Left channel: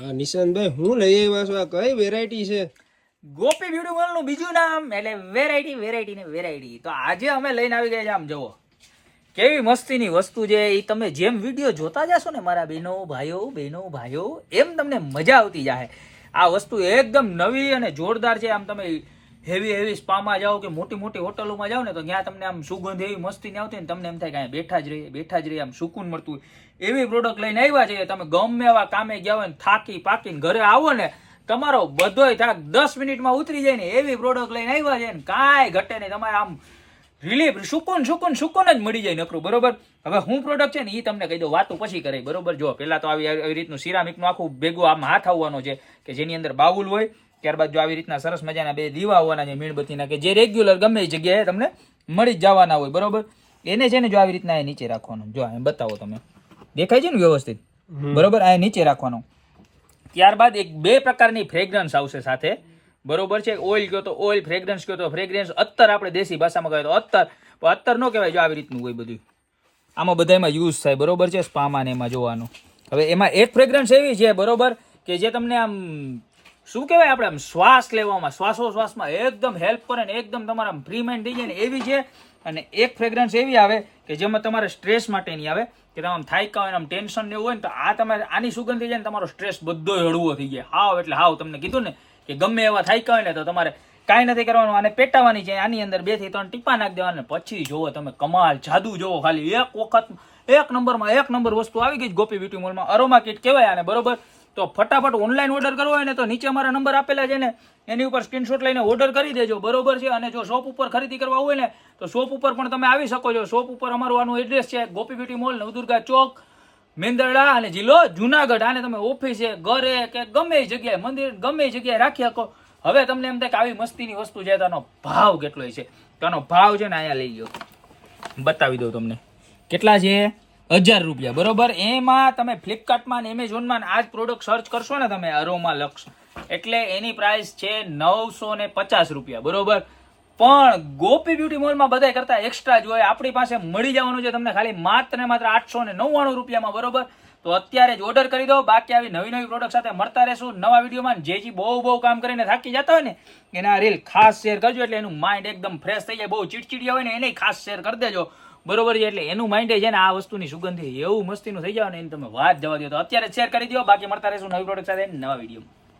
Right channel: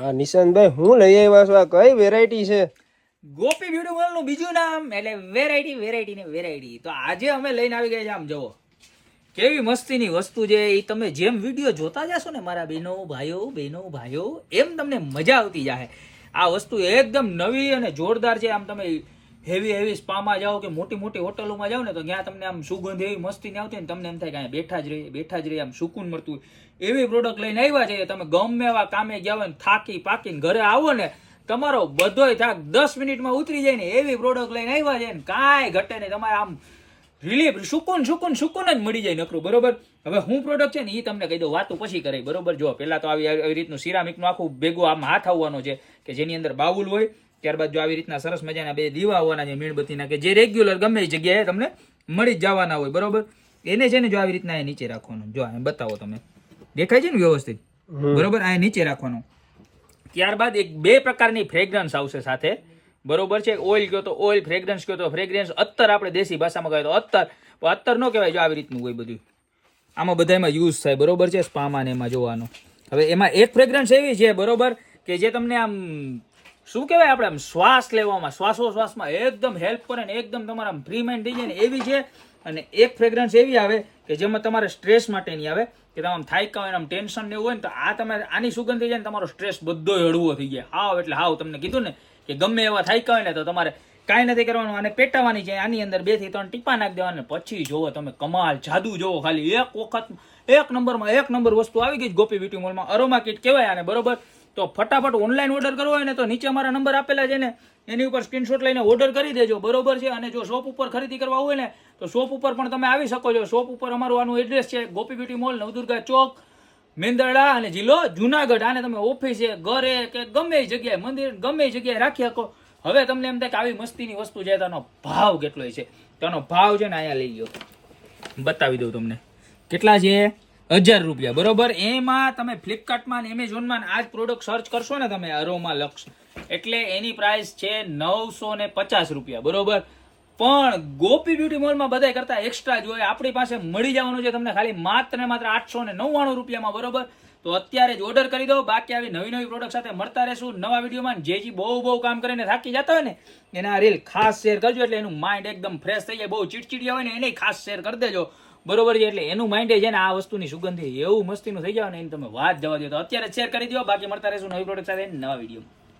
હા નિશાંતભાઈ, હું લઈ આવ્યા છું? આ કઈ વેરાયટી છે? ગોપી બ્યુટી મોલ નું બીજું નામ એટલે વેરાયટી ને વેરાયટી. તો આજે અમે લઈને આવી ગયા છે, આમ જોવો કેવી મસ્તીની વસ્તુ છે. એ તમે જેમ વિડીયો જોતા જશો ને મારા બહેનો ભાઈઓ, એમ તમને મજા આવતી જાય. આ વસ્તુ એકદમ નવી અને જોરદાર છે. આમ તમે હેવી સ્પામાં જાઓ કે મોટી મોટી હોટલોમાં જાઓ ને તો ત્યાં તમને આમ સુગંધ એવી મસ્તી ની આવતી ને તમને એમ થાય કે બેઠા જ રહીએ આમ સુકૂન મળતું હોય એવી પ્રોડક્ટ લઈને આવ્યા છે. તમે ગમે એવા કામે ગયા હોય ને થાકી પાકીને ઘરે આવો ને તમારો બધોય થાક 10 મિનિટમાં ઉતરી જાય ને એવી પ્રોડક્ટ લઈને આવ્યા છે ને કાંઈ ઘટે નહીં. તમારે આમ રિલીફ સુકૂન જ મળી જાય નકરું. બરોબર, હવે હું પ્રોડક્ટ છે ને એ તમને કહી દઉં, વાતું પછી કરે. બરોબર, જો પેલા તો આવી રીતનું સિરામિકનું આખું ભેગું આમ હાથ આવવાનો છે કે જેની અંદર બાઉલ હોય. ત્યારબાદ જો આવી રીતના સરસ મજાના 2 દીવા હોવાના છે મીણબત્તીના, કે જે રેગ્યુલર ગમે એ જગ્યાએ તમને મળી જ જવાના હોય. બરોબર, એને છે ને જો આવી રીતના નીચે રાખવાનું. જો અહીં બતાવો, તમે દેખાય છે ને વ્યવસ્થિત? બરોબર, આ નીચે રાખવાનું. ત્યારબાદ એક 2 પ્રકારની ફ્રેગ્રન્સ આવશે સાથે. બરોબર છે, ઓઇલ કયો તો ઓઇલ, ફ્રેગ્રન્સ કયો તો ફ્રેગ્રન્સ, અત્તર આપણે દેશી ભાષામાં કહેવાય તો અત્તર. અત્તર ન કહેવાય. જો આવી રીતનું હોય બધું, આમાં બધામાં યુઝ થાય. બરોબર છે, સ્પામાં ને એમાં જોવાનું. હવે એમાં એક ફ્રેગ્રન્સ એવી છે, બરોબર, કે જે તમને આમ શું કહેવાય, આપણે આમ શ્વાસ લેવામાં શ્વાસોશ્વાસમાં એકદમ હેલ્પ કરે ને એકદમ તમારા આમ ફ્રી માઇન્ડ થઈ જાય ને એવી છે. અને એક ફ્રેગ્રન્સ એવી આવે કે જેમાં તમારે સ્ટ્રેસ માટેની આવે કે તમે આમ થાક્યા હોય ને આમ ટેન્શન ને એવું હોય ને તો આ તમારે આની સુગંધ થઈ જાય ને તમારો સ્ટ્રેસ બધો હળવો થઈ જાય. હાવ એટલે હાવ. તમને કીધું ને કે ગમે એવા થાક્યા હોય ને તો તમારે કાંઈ નથી કરવાનું, આને પેટાવાની છે. આની અંદર 2 થી 3 ટીપા નાખી દેવાના, પછી જોવો તમે કમાલ જાદુ જોવો. ખાલી એક વખત એક નંબર વસ્તુ આવી ગઈ ગોપી બ્યુટી મોલમાં. અરોમા કિટ કહેવાય આને. બરોબર, તો ફટાફટ ઓનલાઈન ઓર્ડર કરવો હોય ને તો નીચે અમારા નંબર આપેલા છે ને એની ઉપર સ્ક્રીનશોટ લઈને ઓર્ડર કરી દેજો. બરોબર છે, અને જો શોપ ઉપર ખરીદી કરવા હોય ને તો શોપ ઉપર પણ તમે આવી શકો છો. શોપ ઉપર અમારું આનું એડ્રેસ છે ગોપી બ્યુટી મોલ, નવદુર્ગા ચોક, મેંદરડા અને જિલ્લો જુનાગઢ. આને તમે ઓફિસે, ઘરે કે ગમે એ જગ્યાએ, મંદિર ગમે એ જગ્યાએ રાખી શકો. હવે તમને એમ થાય કે આવી મસ્તીની વસ્તુ છે તો આનો ભાવ કેટલો છે? તો આનો ભાવ છે ને અહીંયા લઈ ગયો, બતાવી દઉં તમને કેટલા છે. 1000 રૂપિયા. બરોબર, એમાં તમે ફ્લિપકાર્ટમાં ને એમેઝોનમાં આ જ પ્રોડક્ટ સર્ચ કરશો ને તમે અરોમા લક્સ, એટલે એની પ્રાઇસ છે 950 રૂપિયા. બરોબર, પણ ગોપી બ્યુટી મોલમાં બધા કરતા એક્સ્ટ્રા જ હોય. આપણી પાસે મળી જવાનું છે તમને ખાલી માત્ર 899 રૂપિયામાં. બરોબર, તો અત્યારે જ ઓર્ડર કરી દો. બાકી આવી નવી પ્રોડક્ટ સાથે મળતા રહેશું નવા વિડીયોમાં. જે બહુ કામ કરીને થાકી જતા હોય ને એના રીલ ખાસ શેર કરજો, એટલે એનું માઇન્ડ એકદમ ફ્રેશ થઈ જાય. બહુ ચીડચીડિયા હોય ને એને ખાસ શેર કરી દેજો. બરોબર છે, એટલે એનું માઇન્ડ છે ને આ વસ્તુની સુગંધી એવું મસ્તીનું થઈ જાય ને એને તમે વાત જવા દો. તો અત્યારે શેર કરી દો. બાકી મળતા રહેશું નવી પ્રોડક્ટ સાથે નવા વિડીયો.